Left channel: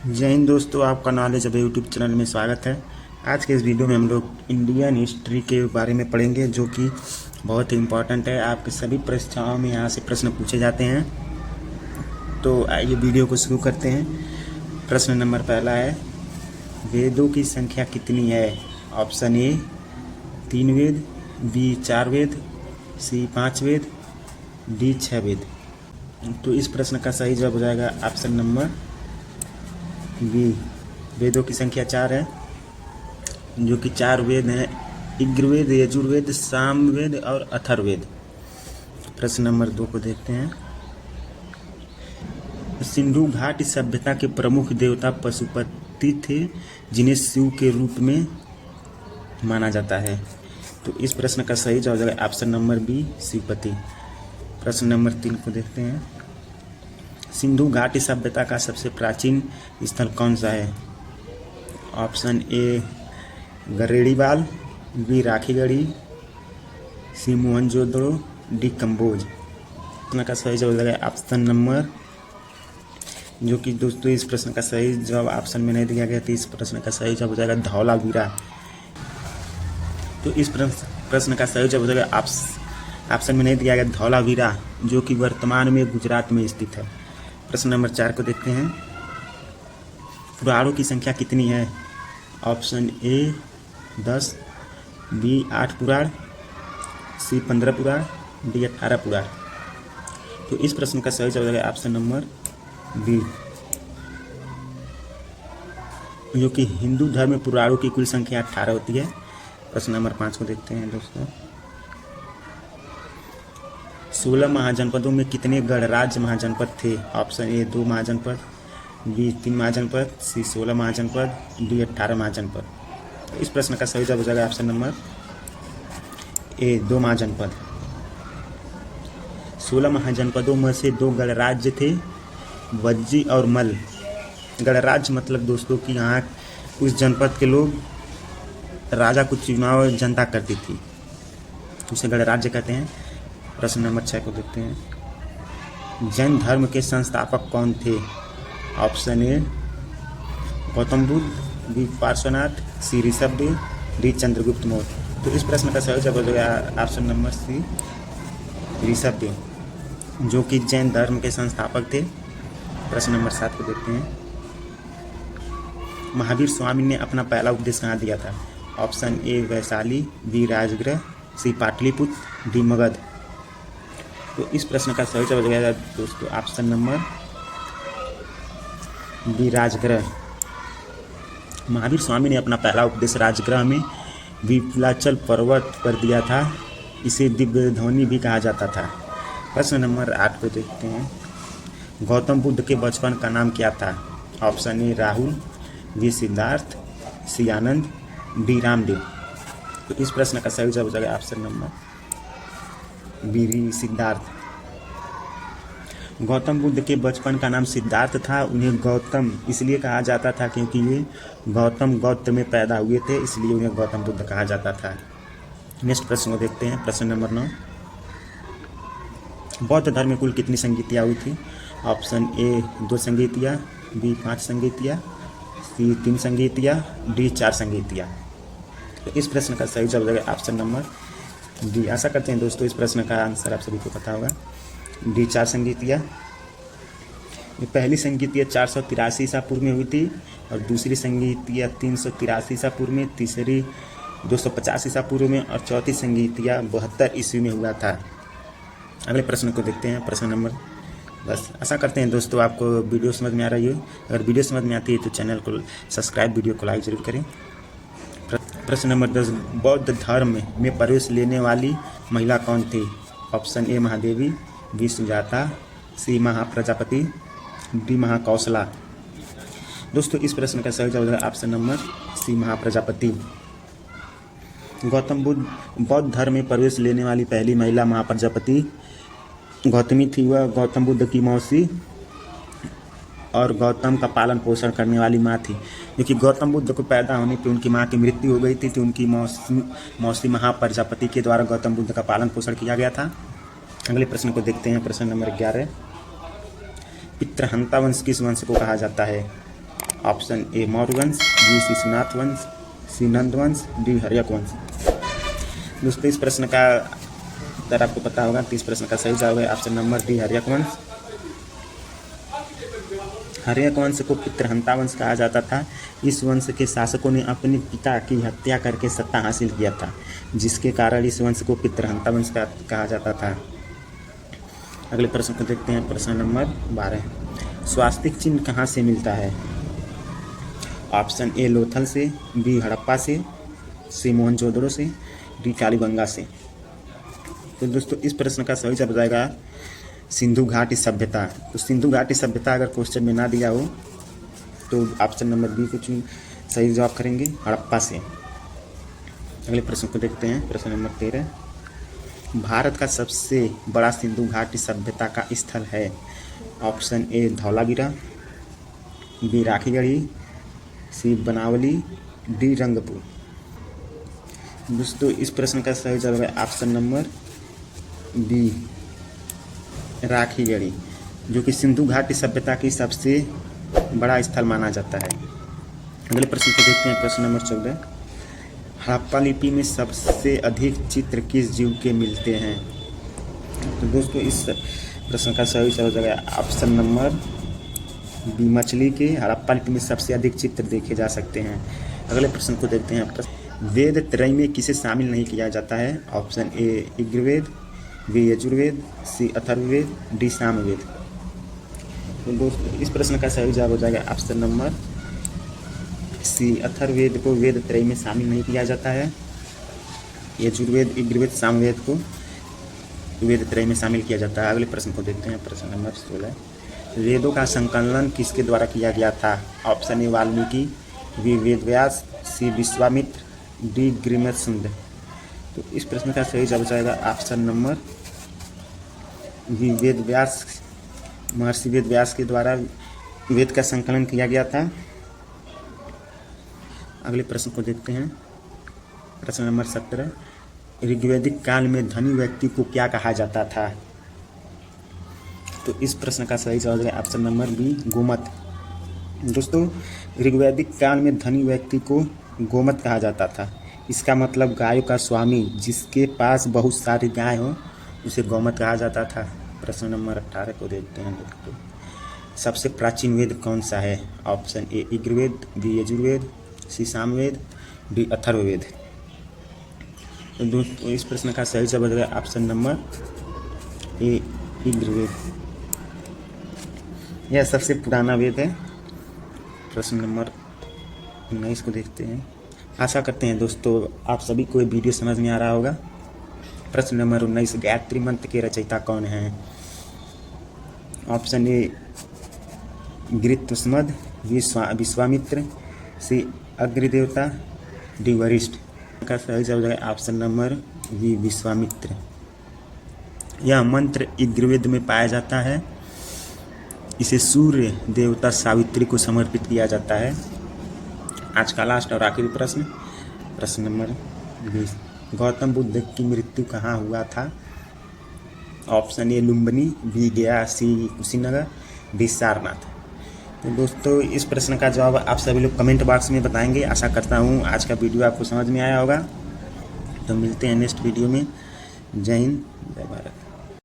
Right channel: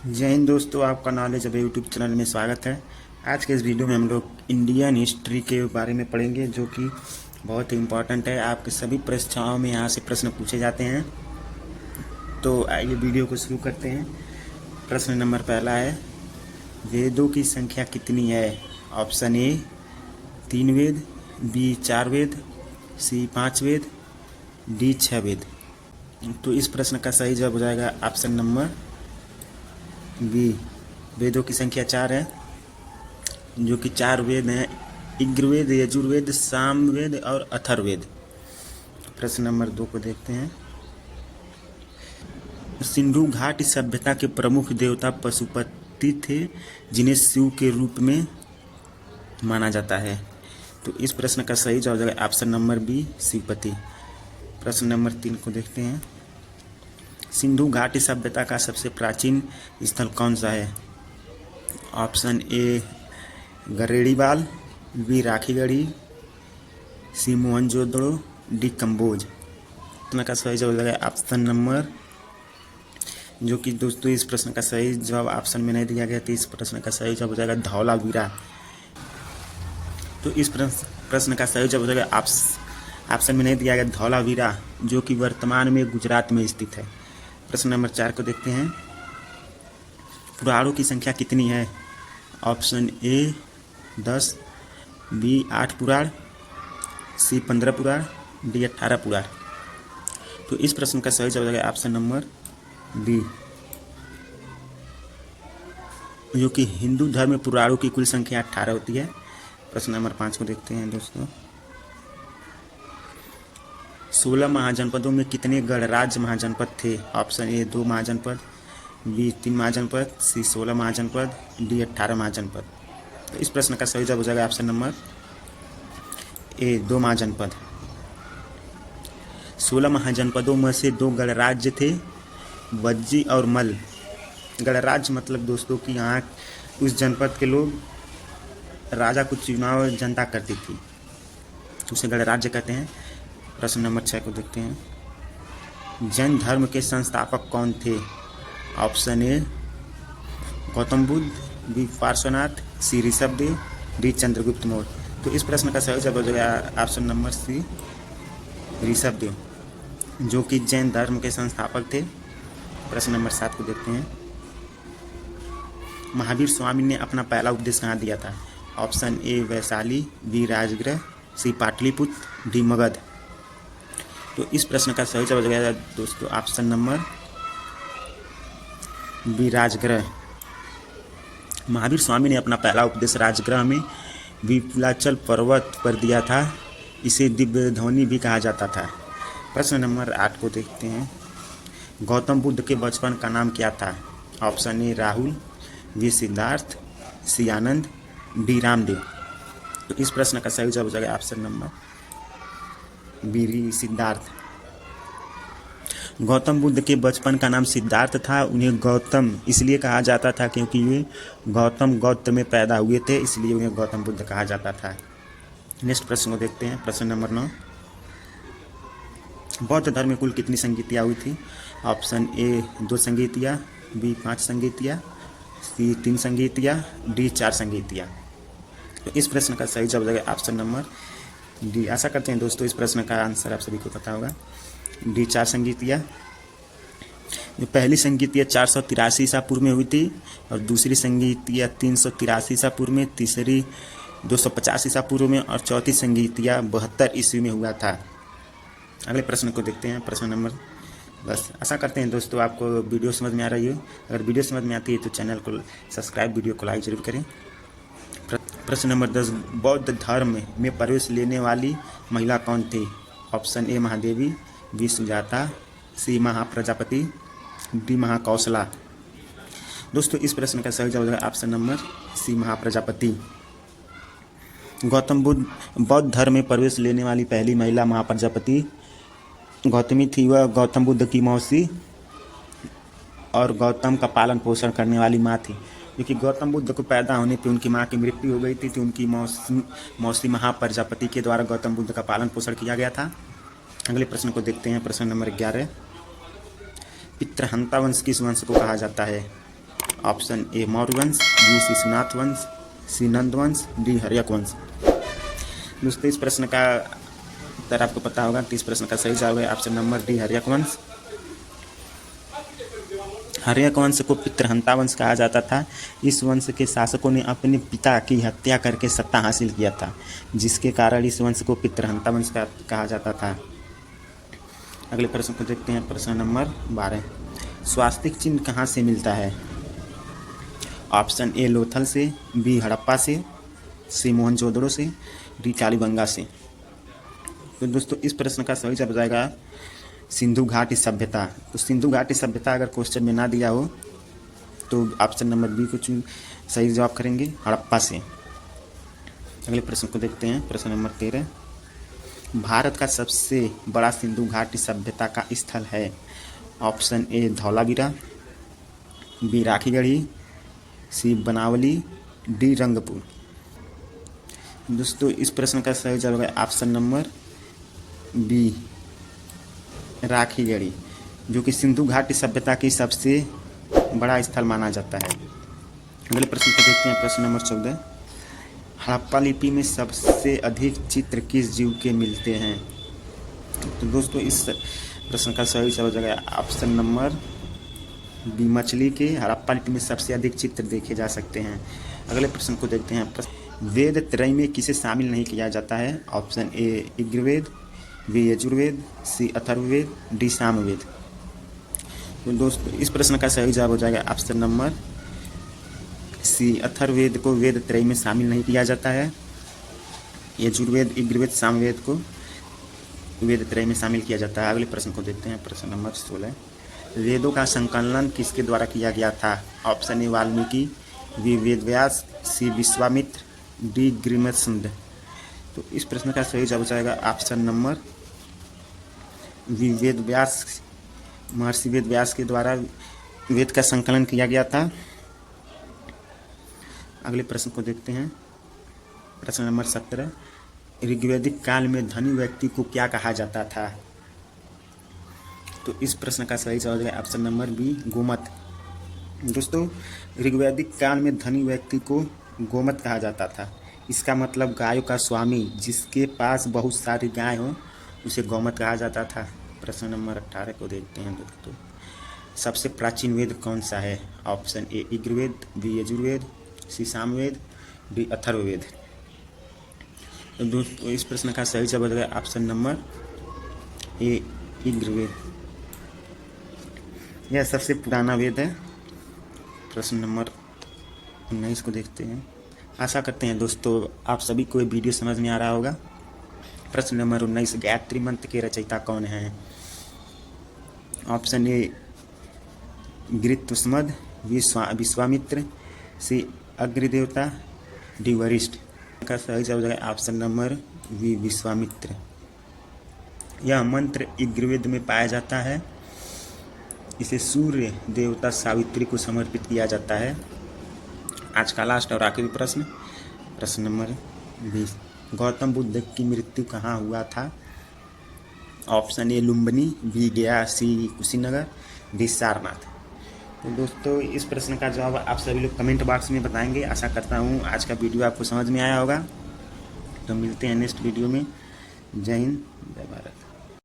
जय हिंद दोस्तों, आपका नॉलेज अब यूट्यूब चैनल में स्वागत है। आज के इस वीडियो में हम लोग इंडियन हिस्ट्री के बारे में पढ़ेंगे, जो कि बहुत ही इम्पोर्टेंट है। आपके सभी परीक्षाओं में यहाँ से प्रश्न पूछे जाते हैं। तो आइए वीडियो को शुरू करते हैं। प्रश्न नंबर पहला है, वेदों की संख्या कितनी है? ऑप्शन ए 3 वेद, बी 4 वेद, सी 5 वेद, डी 6 वेद। तो इस प्रश्न का सही जवाब हो जाएगा ऑप्शन नंबर बी। वेदों की संख्या 4 है, जो कि 4 वेद हैं: ऋग्वेद, यजुर्वेद, सामवेद और अथर्ववेद। प्रश्न नंबर 2 को देखते हैं। सिंधु घाटी सभ्यता के प्रमुख देवता पशुपति थे, जिन्हें शिव के रूप में माना जाता है। तो इस प्रश्न का सही जवाब है ऑप्शन नंबर बी, शिवपति। प्रश्न नंबर 3 को देखते हैं। सिंधु घाटी सभ्यता का सबसे प्राचीन स्थल कौन सा है? Option A Garedibal, B Rakhigarhi, C Mohenjodaro, D Kamboj. प्रश्न का सही जवाब है ऑप्शन नंबर, जो कि दोस्तों इस प्रश्न का सही जवाब ऑप्शन में नहीं दिया गया, तो इस प्रश्न का सही जवाब हो जाएगा धौलावीरा। तो इस प्रश्न का सही जवाब हो जाएगा ऑप्शन में नहीं दिया गया धौलावीरा, जो कि वर्तमान में गुजरात में स्थित है। प्रश्न नंबर 4 को देखते हैं। पुराणों की संख्या कितनी है? ऑप्शन ए 10, बी 8 पुराण, सी 15 पुराण, डी 18 पुराण। तो इस प्रश्न का सही जवाब है ऑप्शन नंबर बी, जो कि हिंदू धर्म में पुराणों की कुल संख्या 18 होती है। प्रश्न नंबर 5 को देखते हैं दोस्तों। 16 महाजनपदों में कितने गणराज्य महाजनपद थे? ऑप्शन ए 2 महाजनपद, बी 3 महाजनपद, सी 16 महाजनपद, डी 18 महाजनपद। इस प्रश्न का सही जवाब हो जाएगा ऑप्शन नंबर ए 2 महाजनपद। 16 महाजनपदों में से 2 गणराज्य थे, वज्जी और मल। गणराज्य मतलब दोस्तों कि यहाँ उस जनपद के लोग राजा को चुनाव जनता करती थी, तो उसे गणराज्य कहते हैं। प्रश्न नंबर 6 को देखते हैं। जैन धर्म के संस्थापक कौन थे? Option A Gautam Buddha, B Parshvanath, C Rishabhdev, D Chandragupta Maurya. तो इस प्रश्न का सही जवाब हो गया ऑप्शन नंबर सी, ऋषभदेव, जो कि जैन धर्म के संस्थापक थे। प्रश्न नंबर 7 को देखते हैं। महावीर स्वामी ने अपना पहला उपदेश कहाँ दिया था? Option A Vaishali, B Rajagriha, C Pataliputra, D Magadh. तो इस प्रश्न का सही जवाब हो जाएगा दोस्तों option number B, Rajagriha. Mahavir Swami ने अपना पहला उपदेश राजगृह में विपुलाचल पर्वत पर दिया था। इसे दिव्य ध्वनि भी कहा जाता था। प्रश्न नंबर 8 को देखते हैं। गौतम बुद्ध के बचपन का नाम क्या था? Option A Rahul, B Siddhartha, C Anand, D Ramdev. तो इस प्रश्न का सही जवाब हो जाएगा option number B, Siddhartha. Gautam Buddha के बचपन का नाम सिद्धार्थ था। उन्हें गौतम इसलिए कहा जाता था क्योंकि वे गौतम गोत्र में पैदा हुए थे, इसलिए उन्हें गौतम बुद्ध कहा जाता था। नेक्स्ट प्रश्न को देखते हैं। प्रश्न नंबर 9। बौद्ध धर्म में कुल कितनी संगीतियाँ हुई थी? ऑप्शन ए 2 संगीतियाँ, बी 5 संगीतियाँ, सी 3 संगीतियाँ, डी 4 संगीतियाँ। तो इस प्रश्न का सही जवाब है ऑप्शन नंबर डी। आशा करते हैं दोस्तों इस प्रश्न का आंसर आप सभी को पता होगा। डी 4 संगीतियाँ। पहली संगीतियाँ 483 ईसा पूर्व में हुई थी, और दूसरी संगीतियाँ 383 ईसा पूर्व में, तीसरी 250 ईसा पूर्व में, और चौथी संगीतियाँ 72 ईस्वी में हुआ था। अगले प्रश्न को देखते हैं। प्रश्न नंबर 10। आशा करते हैं दोस्तों आपको वीडियो समझ में आ रही है। अगर वीडियो समझ में आती है तो चैनल को सब्सक्राइब, वीडियो को लाइक जरूर करें। प्रश्न नंबर 10। बौद्ध धर्म में प्रवेश लेने वाली महिला कौन थी? Option A Mahadevi, B Sujata, C Mahaprajapati, D Mahakaushala. दोस्तों इस प्रश्न का सही जवाब है option number C, Mahaprajapati. Gautam Buddha बौद्ध धर्म में प्रवेश लेने वाली पहली महिला महाप्रजापति गौतमी थी। वह गौतम बुद्ध की मौसी और गौतम का पालन पोषण करने वाली माँ थी। क्योंकि गौतम बुद्ध को पैदा होने पर उनकी माँ की मृत्यु हो गई थी, तो उनकी मौसी महाप्रजापति के द्वारा गौतम बुद्ध का पालन पोषण किया गया था। अगले प्रश्न को देखते हैं। प्रश्न नंबर 11। पितृहंता वंश किस वंश को कहा जाता है? ऑप्शन ए मौर्य वंश, बी शिशुनाथ वंश, सी नंद वंश, डी हर्यक वंश। दोस्तों इस प्रश्न का अगर आपको पता होगा तो इस प्रश्न का सही जवाब है ऑप्शन नंबर डी हर्यक वंश। हर्यक वंश को पितृहंता वंश कहा जाता था। इस वंश के शासकों ने अपने पिता की हत्या करके सत्ता हासिल किया था, जिसके कारण इस वंश को पितृहंता वंश कहा जाता था। अगले प्रश्न को देखते हैं, प्रश्न नंबर 12। स्वास्तिक चिन्ह कहाँ से मिलता है? ऑप्शन ए लोथल से, बी हड़प्पा से, सी मोहनजोदड़ो से, डी कालीबंगा से। तो दोस्तों इस प्रश्न का सही जवाब जाएगा सिंधु घाटी सभ्यता। तो सिंधु घाटी सभ्यता अगर क्वेश्चन में ना दिया हो तो ऑप्शन नंबर बी को सही जवाब करेंगे, हड़प्पा से। अगले प्रश्न को देखते हैं, प्रश्न नंबर 13। भारत का सबसे बड़ा सिंधु घाटी सभ्यता का स्थल है? Option A Dholavira, B Rakhigarhi, C Banawali, D Rangpur. दोस्तों इस प्रश्न का सही जवाब है ऑप्शन नंबर बी राखीगढ़ी, जो कि सिंधु घाटी सभ्यता की सबसे बड़ा स्थल माना जाता है। अगले प्रश्न को देखते हैं, प्रश्न नंबर 14। हड़प्पा लिपि में सबसे अधिक चित्र किस जीव के मिलते हैं? तो दोस्तों इस प्रश्न का सही जवाब है ऑप्शन नंबर बी मछली के। हड़प्पा लिपि में सबसे अधिक चित्र देखे जा सकते हैं। अगले प्रश्न को देखते हैं, वेद त्रय में किसे शामिल नहीं किया जाता है? Option A Rigveda, B Yajurveda, C Atharvaveda, D Samaveda. तो दोस्तों इस प्रश्न का सही जवाब हो जाएगा ऑप्शन नंबर सी, अथर्ववेद को वेद त्रय में शामिल नहीं किया जाता है। यजुर्वेद, ऋग्वेद, सामवेद को वेद त्रय में शामिल किया जाता है। अगले प्रश्न को देखते हैं, प्रश्न नंबर 16। वेदों का संकलन किसके द्वारा किया गया था? Option A Valmiki, B Vedvyas, C Vishwamitra, D Brihaspati. तो इस प्रश्न का सही जवाब जाएगा ऑप्शन नंबर बी वेदव्यास। महर्षि वेदव्यास के द्वारा वेद का संकलन किया गया था। अगले प्रश्न को देखते हैं, प्रश्न नंबर 17। ऋग्वैदिक काल में धनी व्यक्ति को क्या कहा जाता था? तो इस प्रश्न का सही जवाब है ऑप्शन नंबर बी गोमत। दोस्तों ऋग्वैदिक काल में धनी व्यक्ति को गोमत कहा जाता था। इसका मतलब गायों का स्वामी, जिसके पास बहुत सारी गाय हो, उसे गोमत कहा जाता था। प्रश्न नंबर 18 को देखते हैं, सबसे प्राचीन वेद कौन सा है? Option A Rigveda, B Yajurveda, C Samaveda, D Atharvaveda. दोस्तों इस प्रश्न का सही जवाब है ऑप्शन नंबर ए ऋग्वेद। यह सबसे पुराना वेद है। प्रश्न नंबर 19 को देखते हैं। आशा करते हैं दोस्तों आप सभी को ये वीडियो समझ में आ रहा होगा। प्रश्न नंबर 19, गायत्री मंत्र के रचयिता कौन हैं? Option A Gritsamada, Vishwamitra, C Agnidevata, D Vasishtha. का सही जवाब है ऑप्शन नंबर बी विश्वामित्र। यह मंत्र ऋग्वेद में पाया जाता है। इसे सूर्य देवता सावित्री को समर्पित किया जाता है। आज का लास्ट और आखिरी प्रश्न, प्रश्न नंबर 20। गौतम बुद्ध की मृत्यु कहाँ हुआ था? ऑप्शन ए लुम्बिनी, बी गया, सी कुशीनगर, डी सारनाथ। तो दोस्तों इस प्रश्न का जवाब आप सभी लोग कमेंट बॉक्स में बताएंगे। आशा करता हूँ आज का वीडियो आपको समझ में आया होगा। तो मिलते हैं नेक्स्ट वीडियो में। जय हिंद, बाय बाय।